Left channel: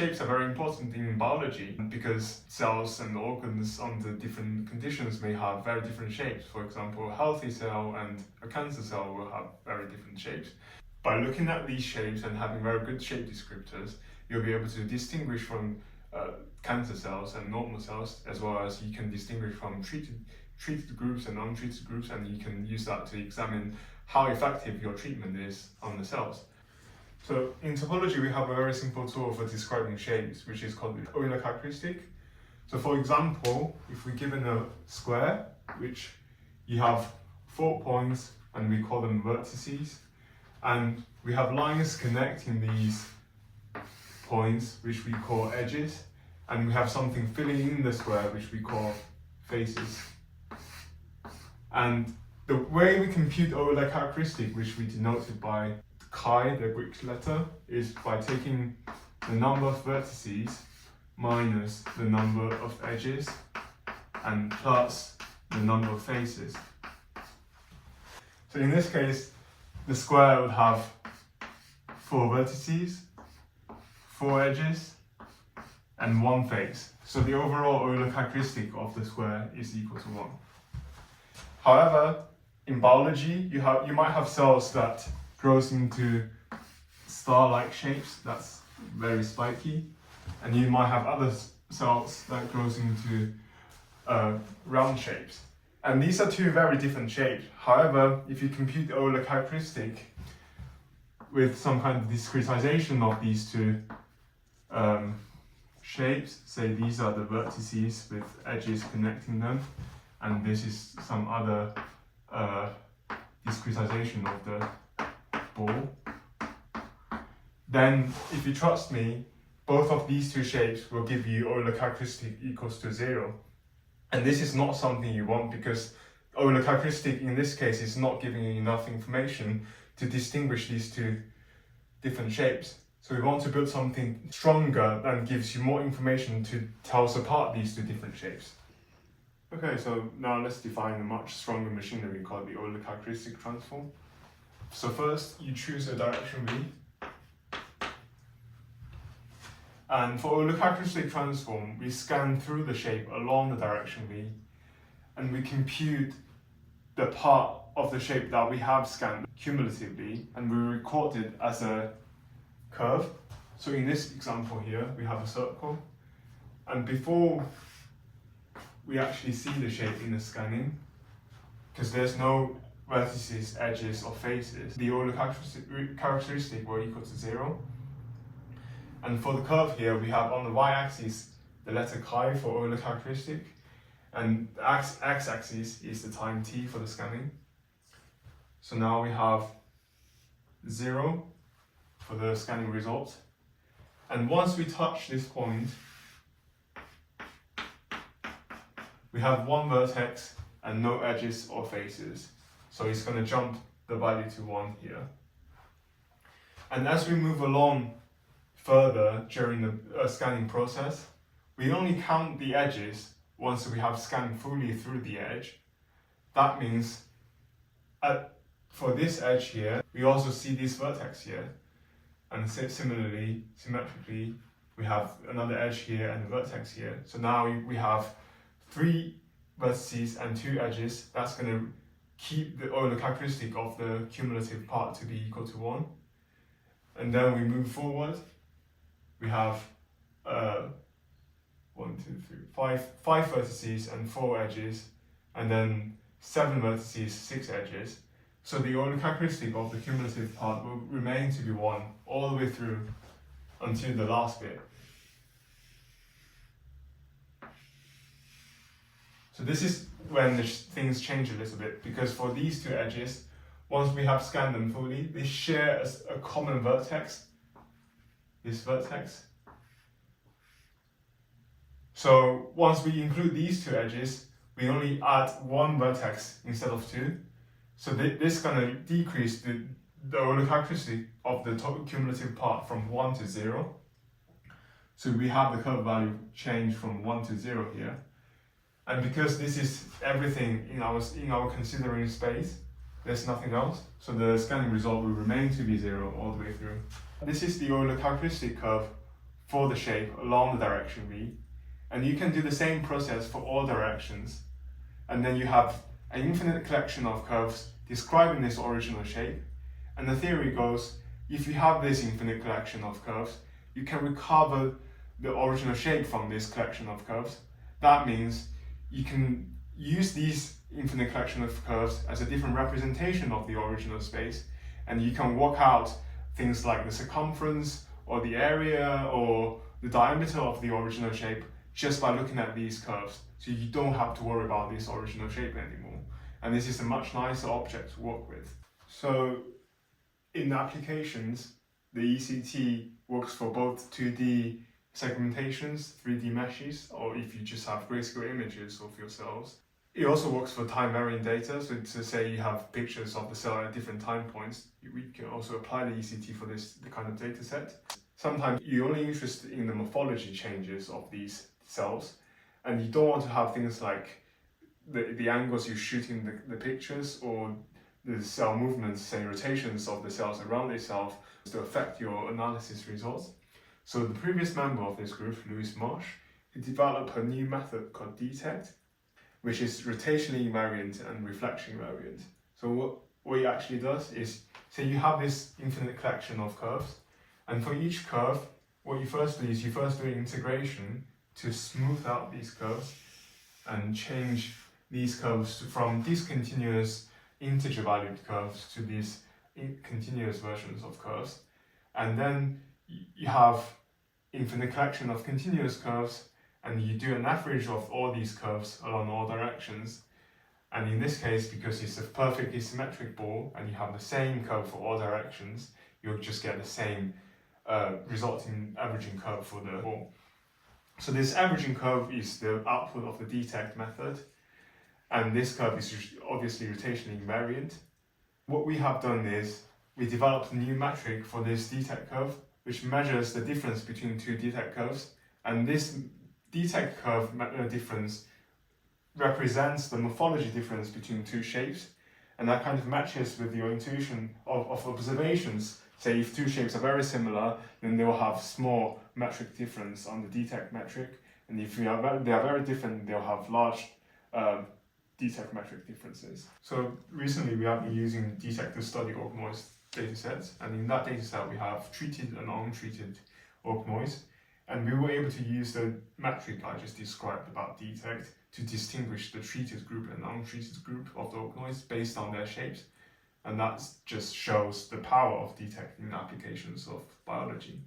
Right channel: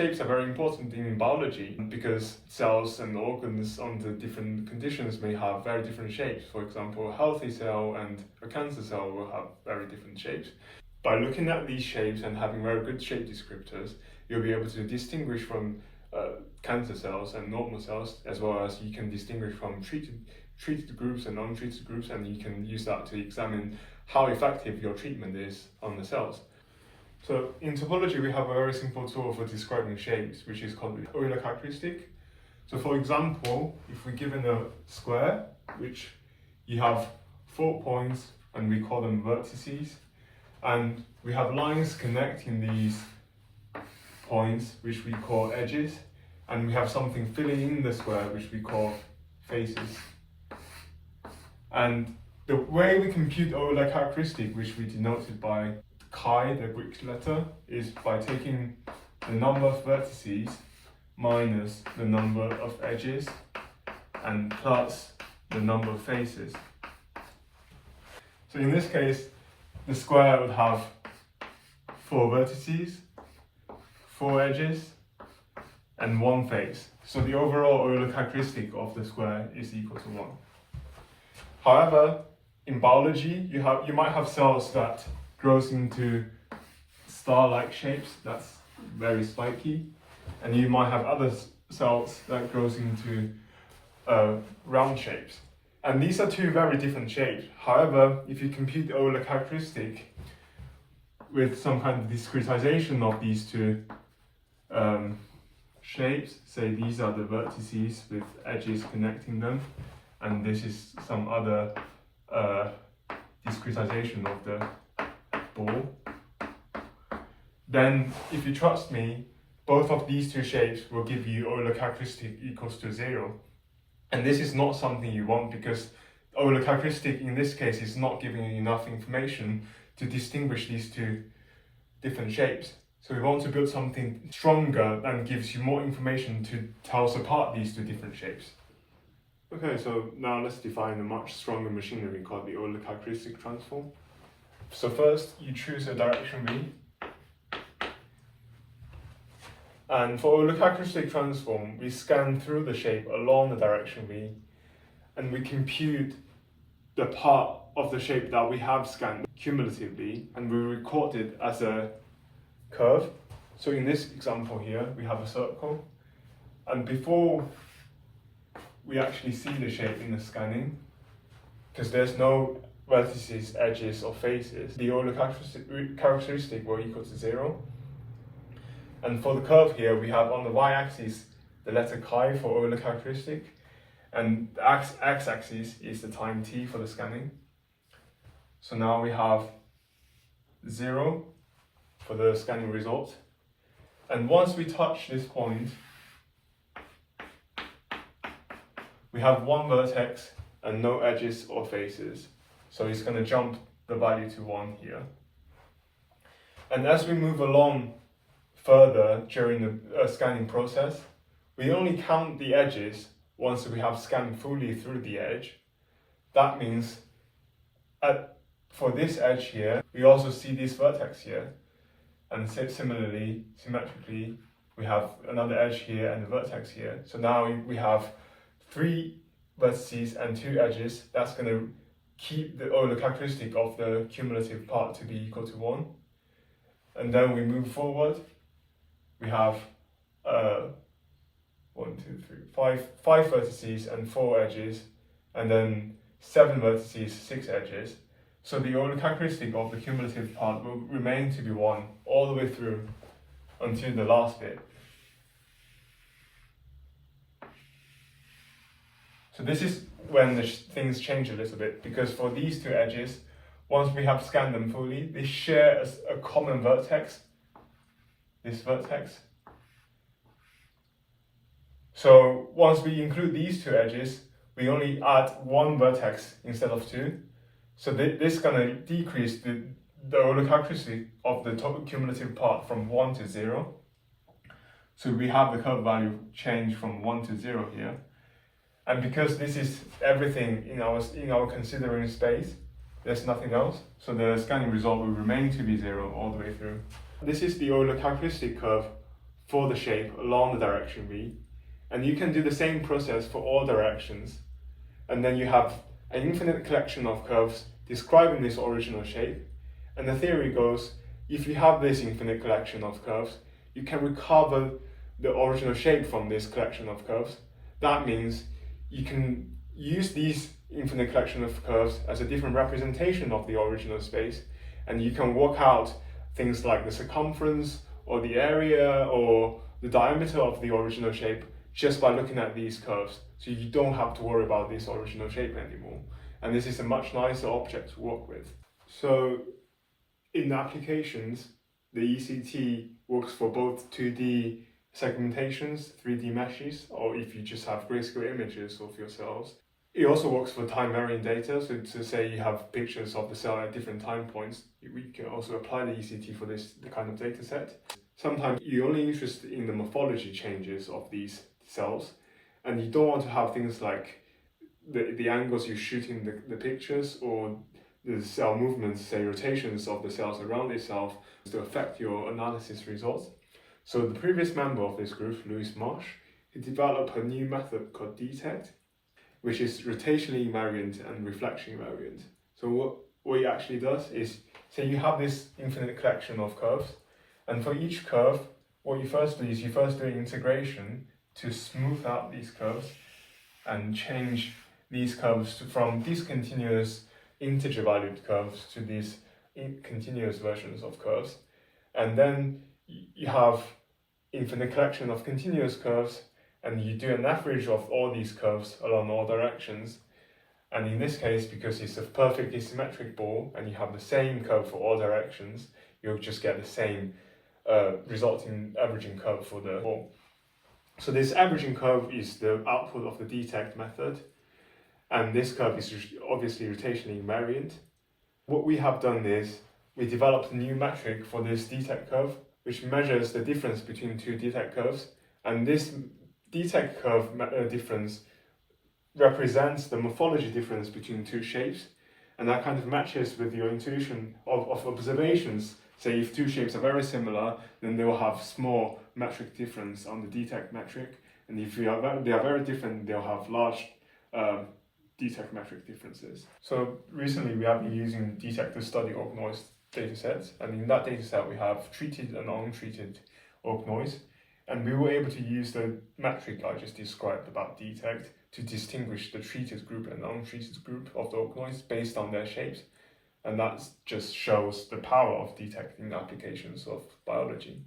shapes are very important in biology because cells and organs under different conditions may have very different shapes. For example, a healthy cell and a cancer cell will have very different shapes. By looking at these shapes and having very good shape descriptors, you'll be able to distinguish from cancer cells and normal cells, as well as you can distinguish from treated groups and untreated groups, and you can use that to examine how effective your treatment is on the cells. So in topology, we have a very simple tool for describing shapes, which is called the Euler Characteristic. So for example, if we're given a square, which you have 4 points, and we call them vertices, and we have lines connecting these points, which we call edges, and we have something filling in the square, which we call faces. And the way we compute Euler characteristic, which we denoted by chi, the Greek letter, is by taking the number of vertices minus the number of edges and plus the number of faces. So in this case, the square would have 4 vertices, 4 edges, and 1 face. So the overall Euler characteristic of the square is equal to 1. However, in biology, you might have cells that grows into star-like shapes, that's very spiky, and you might have other cells that grows into round shapes. And these are 2 very different shapes. However, if you compute the Euler characteristic with some kind of discretization of these 2 shapes, say these are the vertices with edges connecting them, and this is some other discretization of the ball, then if you trust me, both of these 2 shapes will give you Euler characteristic equals to 0. And this is not something you want, because Euler characteristic in this case is not giving you enough information to distinguish these 2 different shapes. So we want to build something stronger and gives you more information to tell us apart these 2 different shapes. Okay, so now let's define a much stronger machinery called the Euler Characteristic Transform. So first, you choose a direction V. And for Euler Characteristic Transform, we scan through the shape along the direction V, and we compute the part of the shape that we have scanned cumulatively, and we record it as a curve. So in this example here, we have a circle, and before we actually see the shape in the scanning, because there's no vertices, edges, or faces, the Euler characteristic will equal to 0. And for the curve here, we have on the y-axis the letter chi for Euler characteristic, and the x-axis is the time t for the scanning. So now we have 0 for the scanning result. And once we touch this point, we have 1 vertex and no edges or faces. So it's going to jump the value to 1 here. And as we move along further during the scanning process, we only count the edges once we have scanned fully through the edge. That means for this edge here, we also see this vertex here. And similarly, symmetrically, we have another edge here and a vertex here. So now we have 3 vertices and 2 edges. That's going to keep the Euler characteristic of the cumulative part to be equal to 1. And then we move forward. We have 5 vertices and 4 edges, and then 7 vertices, 6 edges. So the Euler characteristic of the cumulative part will remain to be 1 all the way through until the last bit. So this is when things change a little bit, because for these 2 edges, once we have scanned them fully, they share a common vertex, this vertex. So once we include these 2 edges, we only add 1 vertex instead of 2. So this is going to decrease the Euler characteristic of the total cumulative part from 1 to 0. So we have the curve value change from 1 to 0 here. And because this is everything in our considering space, there's nothing else. So the scanning result will remain to be 0 all the way through. This is the Euler characteristic curve for the shape along the direction V. And you can do the same process for all directions. And then you have an infinite collection of curves describing this original shape. And the theory goes, if you have this infinite collection of curves, you can recover the original shape from this collection of curves. That means you can use these infinite collection of curves as a different representation of the original space, and you can work out things like the circumference or the area or the diameter of the original shape just by looking at these curves. So you don't have to worry about this original shape anymore. And this is a much nicer object to work with. So in applications, the ECT works for both 2D segmentations, 3D meshes, or if you just have grayscale images of your cells. It also works for time-varying data, so to say you have pictures of the cell at different time points, we can also apply the ECT for the kind of data set. Sometimes you're only interested in the morphology changes of these cells, and you don't want to have things like the angles you're shooting the pictures or the cell movements, say rotations of the cells around itself, to affect your analysis results. So the previous member of this group, Louis Marsh, he developed a new method called DETECT, which is rotationally invariant and reflection invariant. So what it actually does is, say you have this infinite collection of curves, and for each curve, what you first do is you first do an integration to smooth out these curves and change these curves from discontinuous integer valued curves to these continuous versions of curves. And then you have infinite collection of continuous curves, and you do an average of all these curves along all directions. And in this case, because it's a perfectly symmetric ball and you have the same curve for all directions, you'll just get the same resulting averaging curve for the ball. So this averaging curve is the output of the DETECT method, and this curve is obviously rotationally invariant. What we have done is we developed a new metric for this DETECT curve, which measures the difference between two DETECT curves, and this DETECT curve difference represents the morphology difference between two shapes, and that kind of matches with your intuition of observations. Say if two shapes are very similar, then they will have small metric difference on the DETECT metric, and if they are very different, they'll have large DETECT metric differences. So recently we have been using DETECT to study organoids datasets, and in that dataset we have treated and untreated organoids, and we were able to use the metric I just described about DETECT to distinguish the treated group and untreated group of the organoids based on their shapes, and that just shows the power of DETECT in applications of biology.